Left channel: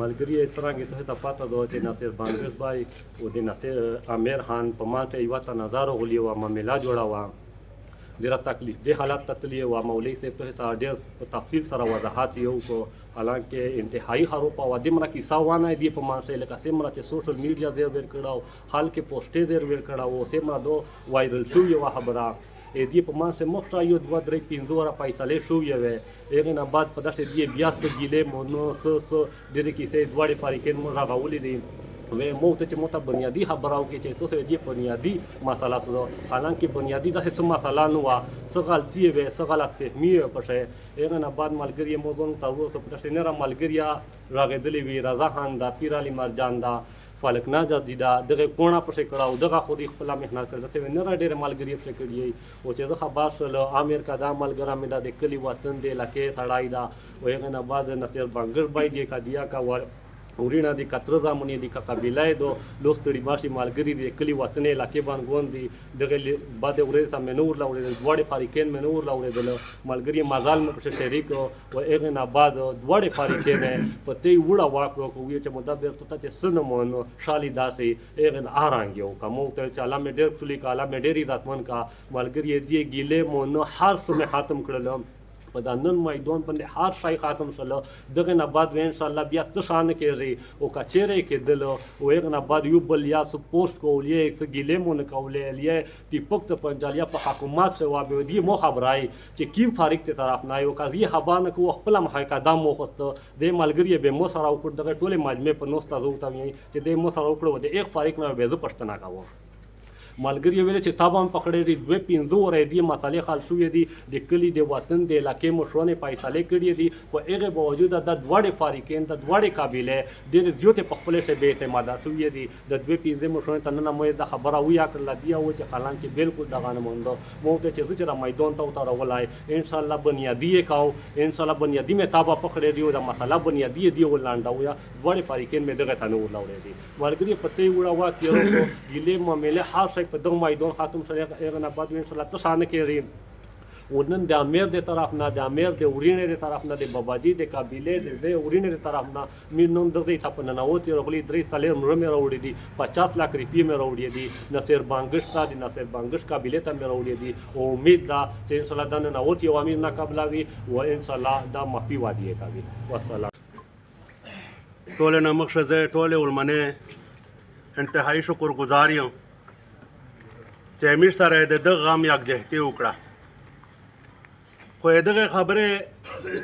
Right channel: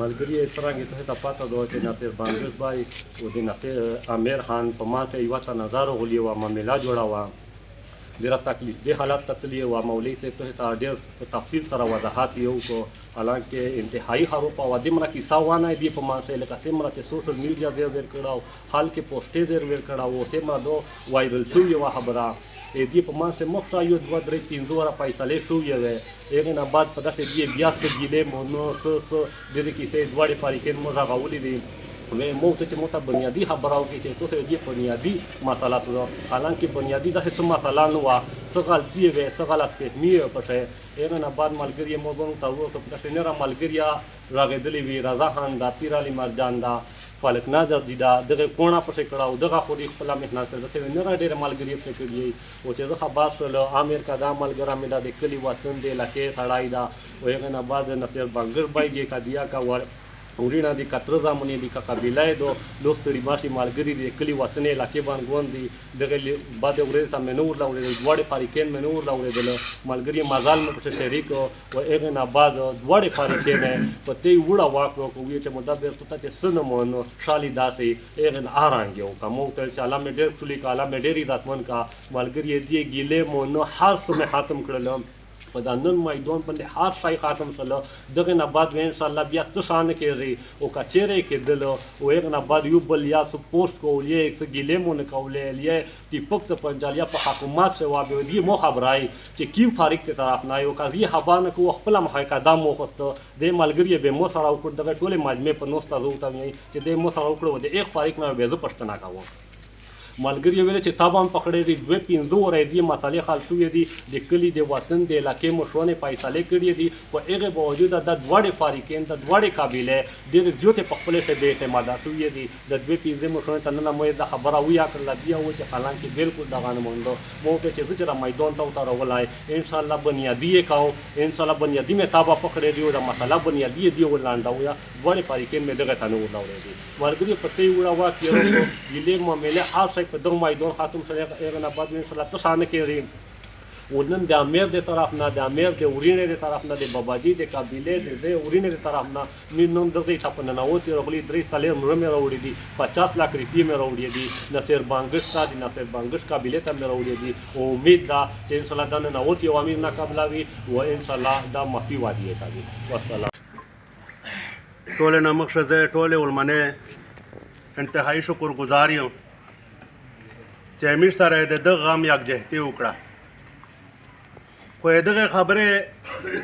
ملګري څرنګه ته ته پاته ده چې ناصر بانګز بای او د ناصر امیر خان په ماته یو ته نظر غولي او معاملات جوړاوه ډېره تکلیف دې حالت ته تللی و مولوي صاحب ته ډېر په تفصیل سره وضاحت یو کو حالانکه انتهایی خراب او دمره کیسه وانه دی په مانسه لکه سمره چې سوشل میډیا ډېر ور کړه حال کې پوسټې ډېر ور کړه او سمره دو وایرل شو یو خبره دې په مانسه مخته یو 2 3 5 ورا فیصله شو یو هغه نه بعد په داسې دی بیا څه ګیلې مو نو څه دې کیسه دوړې پاریکن مو راغولې دي مو ته چې موته بنیادی خبره وکړي چې تاسو دې بنیادی مسله سره حالانکه بنیادی د څه مسله نه و څه غلطي وي څه غلط فهمي پټه هغه نه بعد ملګری موضوع ته وروسته په څه نه را ملګری راغېدلې وی رضا خان دا پیر علي مرجان دا فلک ناظر دي دا دغه کونه پسې کړهو دغه خو دې خپل مهنت ته نه را ډېر ملګری پسې کړی او چې زه خبر سره امیر کا دا ملګری مې دا د کلی وطن دی لکه سړای دا او هغه نه بعد نصر بنګر بایږي کا دیا کا ورینا دي کتر زمونی دي کا قبیله دو دوستړي باشي مالګری دي کلی وطن علاقې باندې ګوند دي دغه بعد اورې سم نور لا اورې دوړې فاریکین نور لا اورې دل مالګری مازال مې په شریک او هغه نه بعد دوړې فاریکین په تی وړه واکو کوی چې مدد ته چې سنمونو شالي داسې هغه آرانګ یو کومو ته چې الله مې ډېر خلی کاله مې ډېر عزتمن کا مالګری دي ګیله مو نو هر څه مې ختم کړل په دا نن میدان باندې هر شی ختم سره دغه نه بعد ان شاء الله بیا څه شان کېږي او کچېره کېدل او هغه نه بعد یو بل یا څه پوسټ کولې څه ګیلې مون کولې یا ټیپک ته پنځالیا په حکومت سره وابه دی مو خبرای چې کیم فارق ته طرف نه یو قضیه حبانه کو خپل محققه مو خسته د ملګری به مو سره وکړ دغه ټوله مجمع په نوستا زوته چې د مو سره وکړو د یک فارق نه به زه پښتنه کوم ملګری ویل چې تابان پکړې دي 2 5 ورې دي مسالې خال شوې دي د کلی د وطن د علاقې مشرونه فیصله کړې دي او هغه باوجود د دوړې فاریکین د دوړې قابلیت د زیاتې په خپل څه به اعتماد شوې دي د 2 5 مشرونه تنه مې د خبره ویا کړل بیا و چې حالان کې بالکل دغه نه مونږ مو ته چې چې میدان ته وتر ولای ان شاء الله بنیادی کاو ان شاء الله بنیادی مې تابا پکړې دی او د مسله بنیادی دی ولانداو یا دوړې فاریکین مې دغه تنه ولاورې دي ملګری پته وړه وا کېرو ګلې معاملې هر په دغه میدان خاتم سره هغه نه بعد ان شاء الله تاسو کېږي ونن د امیر د طرف نه د امیر د ورینې د طرف نه د باباجي د قبیله د ورینې د طرف نه نن دغه ټاپ نه نوتی رغلی 3 سالې مې راوړي دي 50 لک روپیې مې راوړي دي نصر بانګش ته د نصر بانګش قبیله ته مې راوړي دي او امید ده چې ان شاء الله د نوتی او امیر نه قبلوي او ان شاء الله دا مفي وادي کوي والسلام ټول نه مخشزه ټول ولمنه انتهایی شکر گزار یم چې امیر سره د دغه غم یکجهتي وکړه خو دغه خبره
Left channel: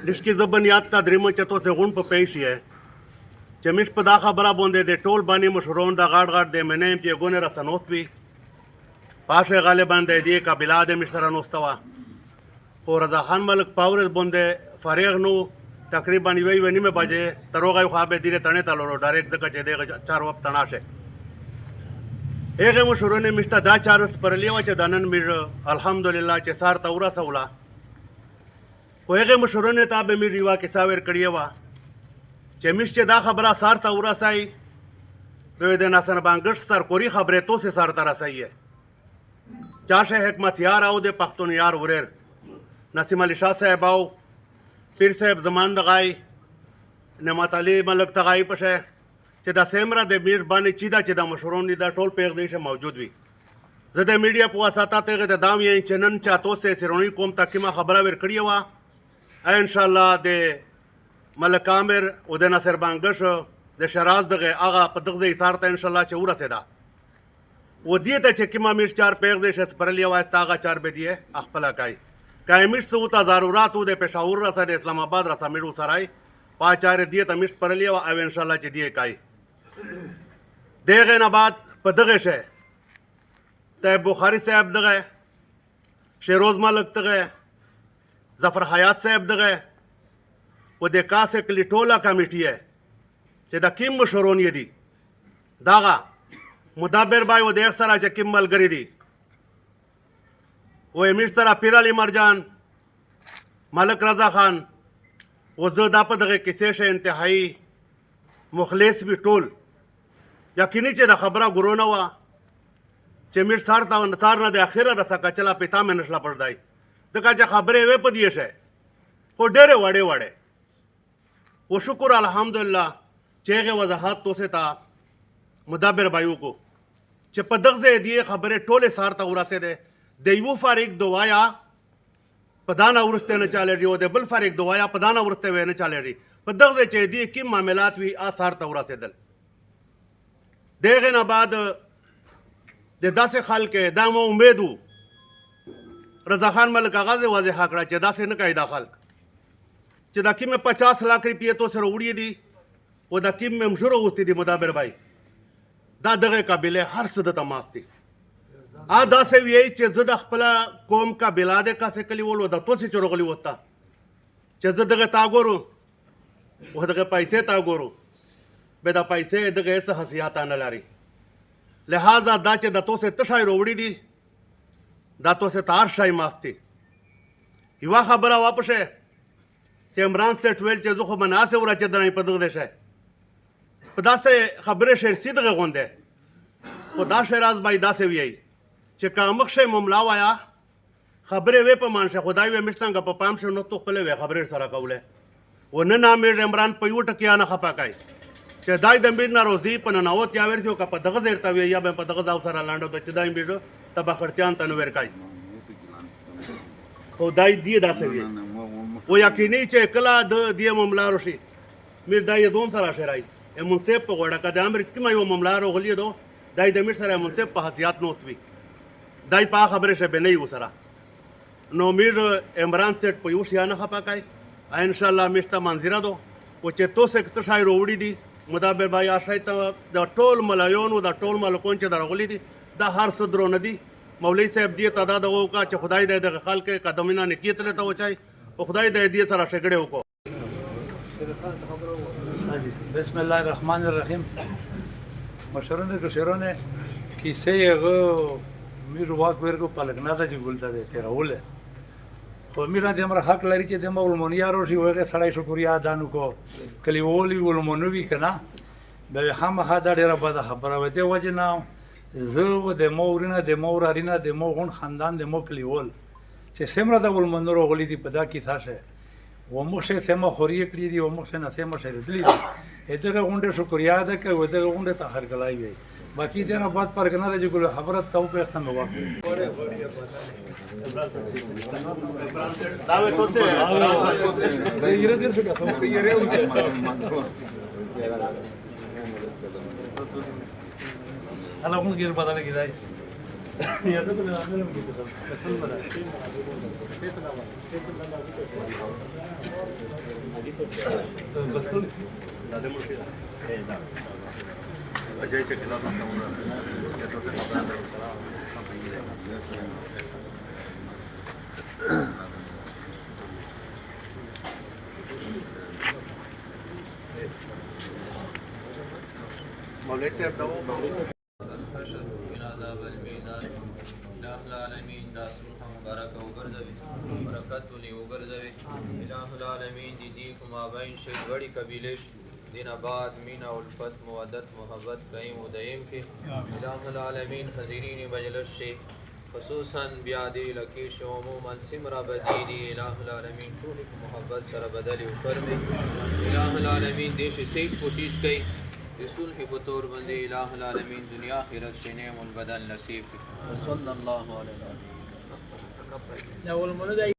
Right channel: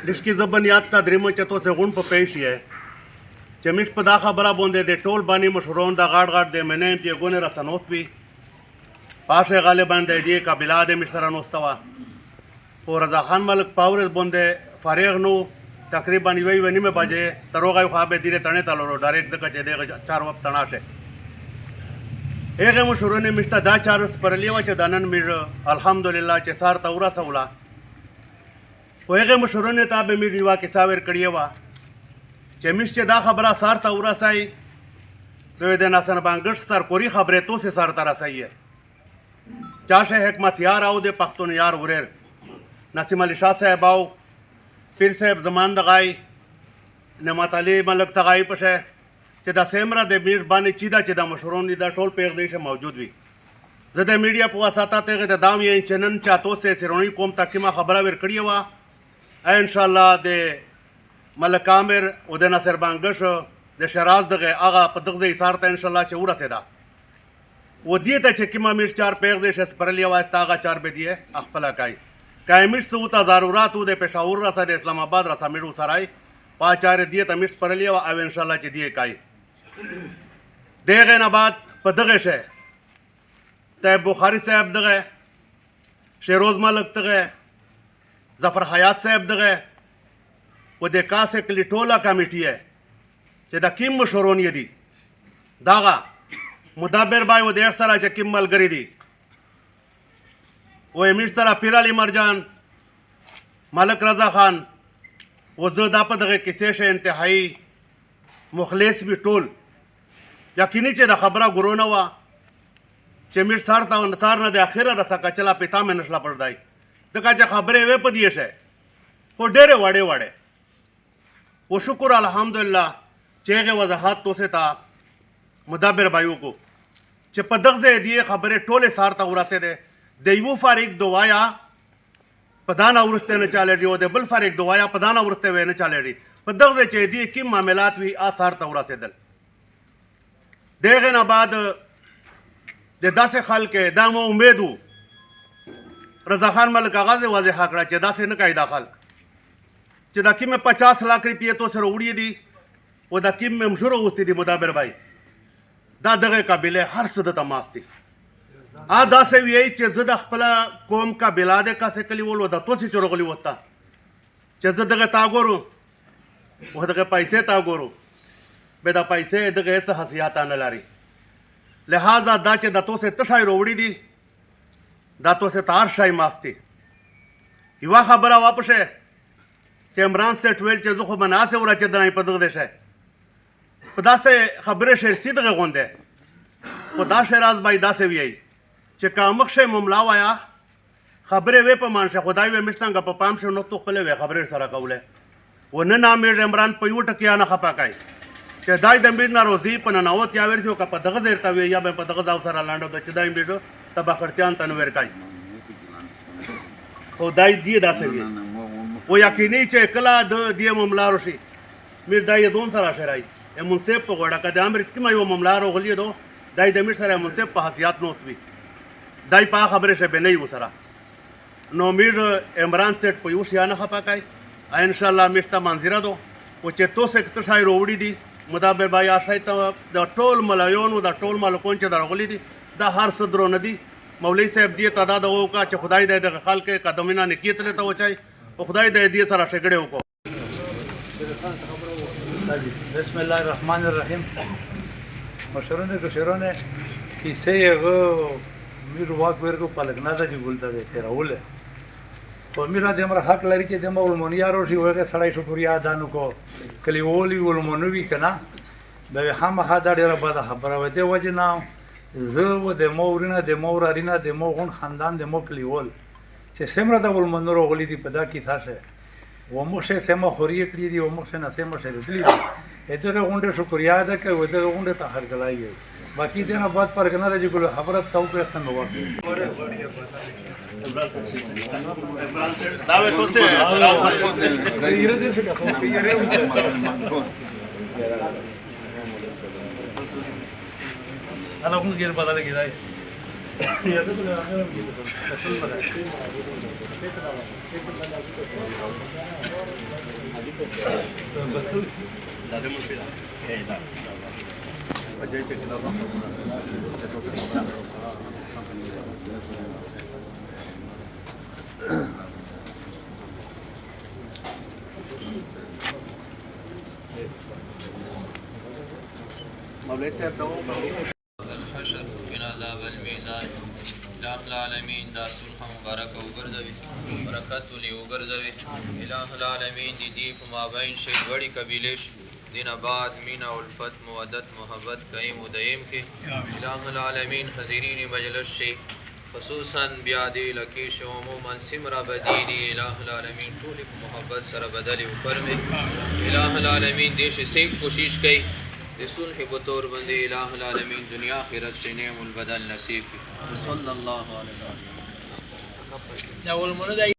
دشکې زبن یاد تا درېمه چې تاسو غون په پیش یې چې مش په دا خبره باندې د ټول باندې مشرون د غاړ غاړ د منې په ګونه رسنوت وی پاشه غالبا د دې قبیله د مشر نوستوا او رضا خان ملک پاور باندې فارغ نو تقریبا 9:30 بجې تروغه خو به ډیره تنه تلورو ډایرکټ د کچې د 4 وخت تناشه هغه مشرونه مشته دا چارس پرلی و چې د نن میر الحمدلله چې سار تورا سولا خو هغه مشرونه ته به میر ریوا کې ساور کړی و چې مشته دا خبره سار تورا سای دوی د ناسن بانګش سر کوری خبره تو سه سار تر سای چاشه حکمت یار او د پښتون یار ورر نسیم علي شاه صاحب او پیر صاحب زمان دغای نعمت علي ملک تغای پشه چې دا سیمره د میر باندې چې دا مشرون دي دا ټول پیغدې موجود وي زه د میډیا په واسطه ته د دام یې چنن چاتو سه سرونی کوم تکمه خبره ور کړی و ان شاء الله د ملک عامر او د نصر بانګش د شراز دغه هغه په دغه ایثار ته ان شاء الله چې ورسېدا و دې ته چې کما میر چار پیغدې شس پرلی واسطه هغه چار به دی خپل کای کایمش ته ضرورت د پېښور رسه د اسلام آباد رسه میرو سرای پاچار دی ته مش پرلی او ان شاء الله چې دی کای دغه نه بعد په دغه شه ته بخاری صاحب دغه شیروز ملک دغه ظفر حیات صاحب دغه و د کاسه کلیټولا کمیټي چې د کیم مشورون دي داغه مدبر بای و د سره چې کیم ملګری دي و امیر سره پیر علي مرجان ملک رضا خان و زه دا په دغه کیسې شه انتهایی مخلص به ټول یقیني چې د خبره ګورونه و چې میر سار تا نثار نه د اخره رسا کچلا پتا مې نشلا پردای دغه چې خبره وې په دیشه خو ډېره وړه و شکر الحمدلله چې هغې وضاحت تاسو ته مدبر به وکړو چې په دغه ځای دې خبرې ټولې سار ته ورسېدې د یوه فارغ دوایا په دا نه وروسته نه چالېږي او د بل فارغ دوایا په دا نه وروسته نه چالېږي په دغه ځای چې دې کوم معاملات وي سار ته ورسېدل د هغې نه بعد د داسې خلک دا مو امید و رضا خان ملک هغه واضح کړه چې داسې نه کوي دا خلک چې دا کومې 50 लाख روپیې تو سره وړي دي او دا کوم مشهور اوستی دي مدبر بھائی دا دغه قبیله هر څه د تماف دي داسې وایي چې زه د خپل قوم قبیله د کاسې کلیول و د توسې چورغلی وته چې زه دغه تا ګورو او دغه پیسې تا ګورو به دا پیسې دغه څه حیثیت نه لري لہذا دا چې د توسې تشای وروړي دي دا توسې ته هر شی معاف دي یوه خبره واپسه چې عمران سیټ ویل چې زه خو مناسب ورچېدلی په دغه شی په داسې خبرې شرسي دغه غونډې خو دا شی راز باید داسې ویایي چې که مخ شی مملا وایه خبرې وې په مانشه خدای وې مشتنګه په پام شي نو تو خپلې وې خبرې سره کولی و نه نامېږي عمران په یوه ټکیا نه خفه کوي چې دای د امیر ناروزي په ننوت یا ورته که په دغه ځای ته وي یا به په دغه ځای سره لاندو چې دا امیر ته بخړتیان ته نه ورکوي خو دای دی داسې وي و یقیني چې کله د دې مملا راشي میر دای دون سره شرای منصف په غوړه که د امر کومه یو مملا راغلی دو دای د میر سره منصف په حیثیت نوت وي دای په خبرې شبه نه یو سره نو میر عمران سیټ په یو شي نه خپه کوي ان شاء الله مشته منظره دو او چې تو سه کته شای وروړي دي مدبر بای آشای ته د ټول ملایون او د ټول ملکون چې درغلي دي دا هر څه درو نه دي مولوی صاحب دې تعداد وکړه چې خدای دې د خلک قدمونه نکیت له ته وچای او خدای دې سره شګړې وکړو بسم الله الرحمن الرحیم مشرونه کشرونه کیسه یغه میر واک ورکو پلګنا د جګولته ده تیراوله خو میرا د امر حق لري چې د مولمونیارو شي وغه سړی شکریا دانو کو کلی ولی ولمونوي کنه به هم هدا ډیره بده خبره و دی وجنا زه و د مورینه د مورارینه د موغون خاندان د موکلی ول چې سمره د ولمنورو غلی دی په دا کې تاسو و موشه سم خوري کړی دی و موشه نه سم شری دی دغه غونډه شکریا ده کوي دغه غونډه ته هر کلای وي باقی دې نه بعد پر کنه د ګل خبره تو په ختم وکړي sabe entonces انا اقول غير بدل كده الحشر من عذاب الميزان الہ العالمین دا صلح مبارک وګرځوي برکت ولي وګرځوي الہ العالمین دی په مابین شي وړي قبیله دین آباد مینا الفت مودت محبت قائم و دائم کې الہ العالمین حاضرین مجلس شي خصوصا بیا دی لکیش عموما سمرا بدیدی الہ العالمین ټول په محبت سره بدلی او فرمه الہ العالمین دیش سیک کوشش کوي رسول بطور بندی الہ العالمین دنیا آخرت سے نعم البدل نصیب صلی اللہ علیہ وسلم